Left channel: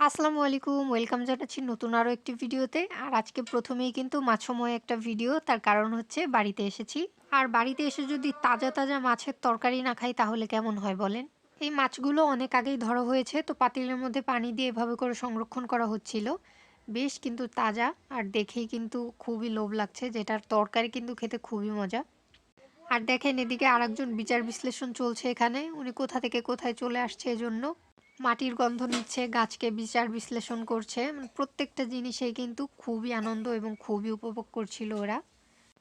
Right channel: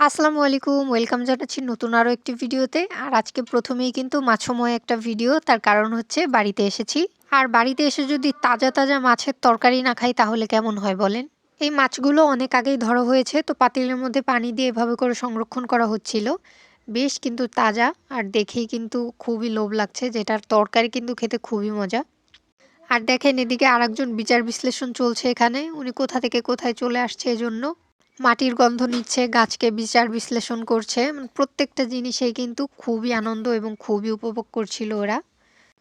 আসসালামু আলাইকুম, ওয়েলকাম জানাচ্ছি নতুন আরও একটি ভিডিওতে। আর আজকে প্রথমেই কিন্তু মাছময় একটা ভিডিও, তার কারণ হচ্ছে বাড়িতে এসেছি। আর বাড়িতে এসে যদি তাজা তাজা মাছের তরকারি না খাই, তাহলে কেমন হয় বলেন? এই মাছগুলো অনেক আগেই ধরা হয়েছে, তো পাতিলের মধ্যে পানি দিয়ে এভাবে করে সংরক্ষণ করা হচ্ছিল। বেশ কিন্তু তাজা, আর দেখেই কিন্তু খুবই লোভ লাগছে, যেটার তরকারি কিন্তু খেতে খুবই মজা। আর দেখেন এদিকে আরেকজন বিচার বিশ্লেষণ চলছে এখানে, উনি কোথা থেকে কোথায় চলে আসছে এজন্য। মাটির গন্ধ নিচ্ছে, গাছকে বিচার বিশ্লেষণ করছে। প্রত্যেকটা জিনিসেই কিন্তু খুবই আনন্দ এবং খুবই উপভোগ করছিল ওরা।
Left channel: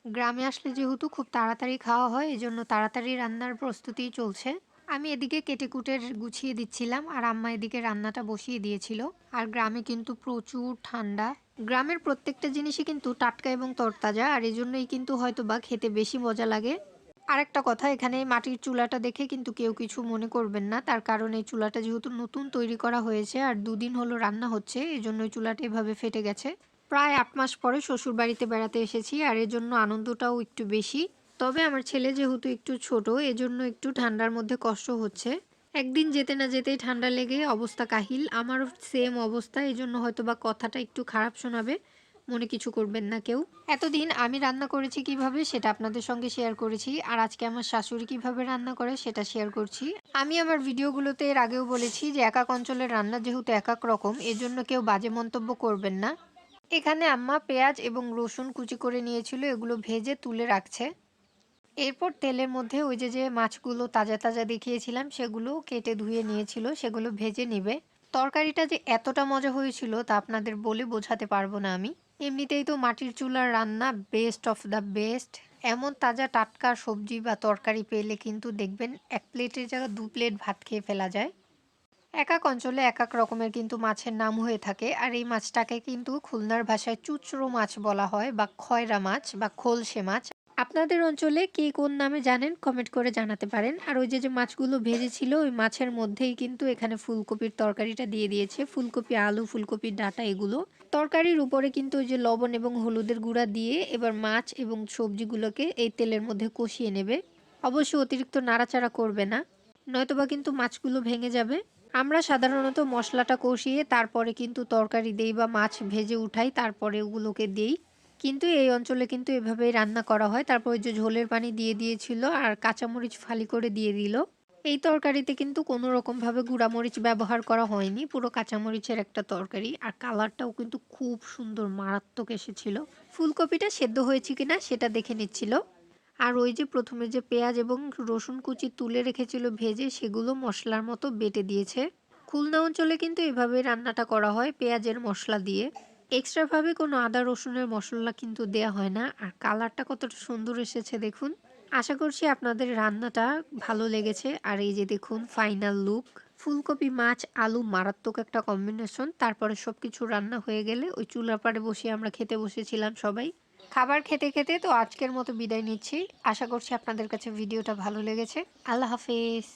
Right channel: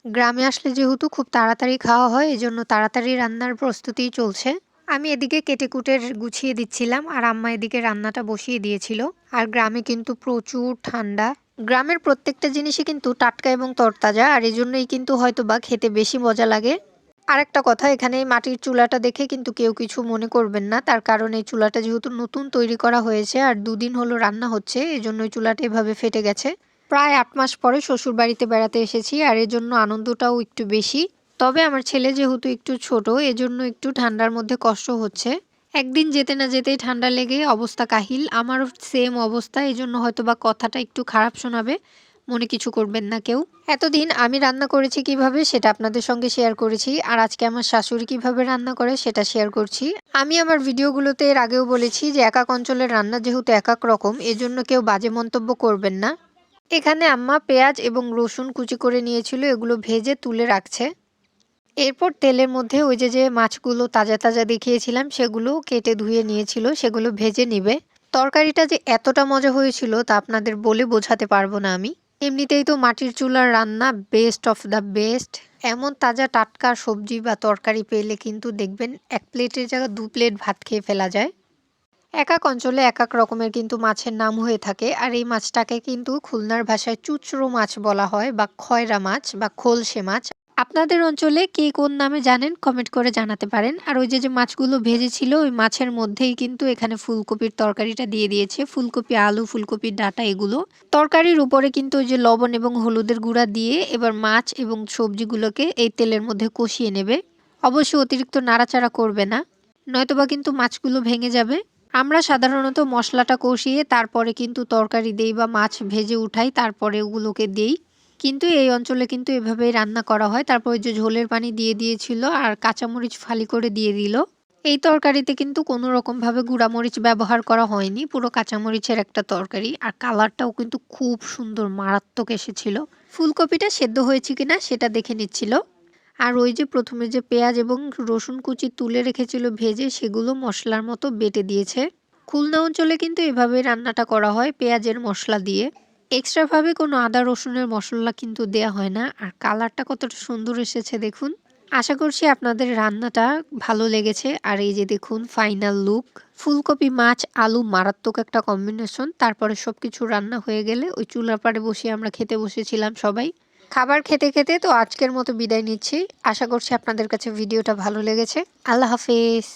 গ্রামে আসলে যেহেতু খুব তাড়াতাড়ি খাওয়া হয়, এজন্য তাড়াতাড়ি রান্নার প্রস্তুতিই চলছে। আমি এদিকে কেটে কুটে গুছিয়ে দিচ্ছিলাম আর আম্মা এদিকে রান্নাটা বসিয়ে দিয়েছিল। আর গ্রামে কিন্তু প্রচুর ঠান্ডা। গ্রামের প্রত্যেকটা জিনিসই কিন্তু টাটকা এবং তরতাজা, আর এজন্যই কিন্তু হয়তো বা খেতে বেশি মজা লাগে। আরেকটা কথা, এখানে মাটির চুলাটা দেখে কিন্তু কেউ কিছু মনে করবেন না। তার কারণ এই চুলাটা যেহেতু নতুন তৈরি করা হয়েছে আর দুদিন হলো রান্না হচ্ছে, এজন্য চুলাটা এভাবে ফেটে গেছে। প্রায় আট মাস পরে শ্বশুর বাড়িতে বেড়াতে এসেছি আর এর জন্য আনন্দটাও একটু বেশি। তবে আমার ছেলে যেহেতু একটু ছোট, এজন্য একটু ঠান্ডার মধ্যে কষ্ট হচ্ছে। একদিন যেতে না যেতেই ঠান্ডা লেগে অবস্থা কাহিল। আমারও সেম অবস্থা এই জন্য হয়তো বা কথাটা একটু খারাপ শোনাবে। মনে কিছু করবেন না কেউ। এতদিন আমি রান্না করেছি কীভাবে সেটা আপনাদের সঙ্গে শেয়ার করেছি, আর আজকে আমার শাশুড়ি কীভাবে রান্না করে সেটা শেয়ার করছি। আমি আমার ভিডিওগুলোতে এর আগেও বলেছি যে একাক অঞ্চলের রান্না যেহেতু এক এক রকম, এজন্য কেউ বাজে মন্তব্য করবেন না। এখানে আম্মা পেঁয়াজ এবং রসুন কুচি করে নিয়েছিল, এগুলো ভেজে তুলে রাখছে। এরপর তেলের মধ্যে ওই যে যে মাছগুলো তাজা তাজা দেখিয়েছিলাম, সেগুলো কেটে ধুয়ে নিয়েছিল, সেগুলো ভেজে নিবে। তরকারিটা যে এতটা মজা হয়েছিল তা আপনাদের বলে বোঝাতে পারব না আমি। এমনিতেই তো মাটির চুলার রান্না বেস্ট অফ দ্য বেস্ট এমন তাজা টাটকা সবজি বা তরকারি পেলে কিন্তু দেখবেন এক প্লেটের জায়গায় দু প্লেট ভাত খেয়ে ফেলা যায়। এক এক অঞ্চলে এক এক রকমের কিন্তু মাছের নাম হয়ে থাকে, আর এই মাছটাকে কিন্তু খুলনার ভাষায় চুচরো মাছ বলা হয় বা খয়রা মাছ বা খোলসে মাছ। আপনাদের অঞ্চলে কে কোন নামে জানেন? কমেন্ট করে জানাতে পারেন। আর ওই যে যে মাছগুলো ভেজেছিল, ওই মাছের মধ্যেই কিন্তু এখানে ফুলকপির তরকারিটা দিয়ে দিয়েছে। ফুলকপি, আলু, ফুলকপির ডাটা, এগুলো। তরকারির উপরে কিন্তু ওই যে, লবণ এবং হলুদের গুঁড়া দিয়ে এবার মাছ এবং সবজিগুলোকে এই তেলের মধ্যে কষিয়ে নেবে। অবশ্যই অতিরিক্ত নাড়াচাড়া করবে না। নয়তোবা কিন্তু মাছগুলো ভেঙে যাবে। আমরা সাধারণত মশলাটা কষিয়ে তারপরে কিন্তু তরকারি দেই বা মাছ ভেজে উঠাই, তারপরে ওগুলোকে দেই। কিন্তু এই অঞ্চলে কিন্তু এভাবেই রান্না করা হয়। তারপর ওই যে ঝোলের পানি দিয়ে দিয়েছিল আর কাঁচামরিচ ফালি করে দিয়ে দিল। এই তরকারিতে কিন্তু কোনো রকমভাবে গুঁড়ামরিচ ব্যবহার করা হয়নি, পুরো কাঁচামরিচের একটা তরকারি। আর কালারটাও কিন্তু খুব সুন্দর, মারাত্মক এসেছিল। ফুলকপিটা সেদ্ধ হয়েছে কিনা সেটা দেখে নিচ্ছিল। আর ওই যে প্রথমে যে পেঁয়াজ এবং রসুন কুচি তুলে রেখেছিল ভেজে সেগুলো মশলার মতো বেটে দিয়েছে। খুলনা অঞ্চলে কিন্তু এভাবে রান্নাটা করা হয় পেঁয়াজের মশলা দিয়ে। এক্সট্রাভাবে কোনো আদা, রসুনের মশলা কিন্তু দেয়া হয় না। আর কালারটা কতটা সুন্দর এসেছে দেখুন। আশা করছি আপনাদের রান্নাটা ভালো লেগেছে। আর এই যে দেখুন ফাইনাল লুক ফুলকপি, মাছ, আলু মারাত্মক একটা কম্বিনেশন তারপরে সব কিছু রান্না হয়ে গেলে ওই চুলার পাড়ে বসে আমরা খেতে বসেছিলাম সবাই। খাবার খেতে খেতে তো আজকের মতো বিদায় নিচ্ছি। আশা করছি আপনাদের কাছে ভিডিওটা ভালো লেগেছে। আল্লাহ হাফেজ।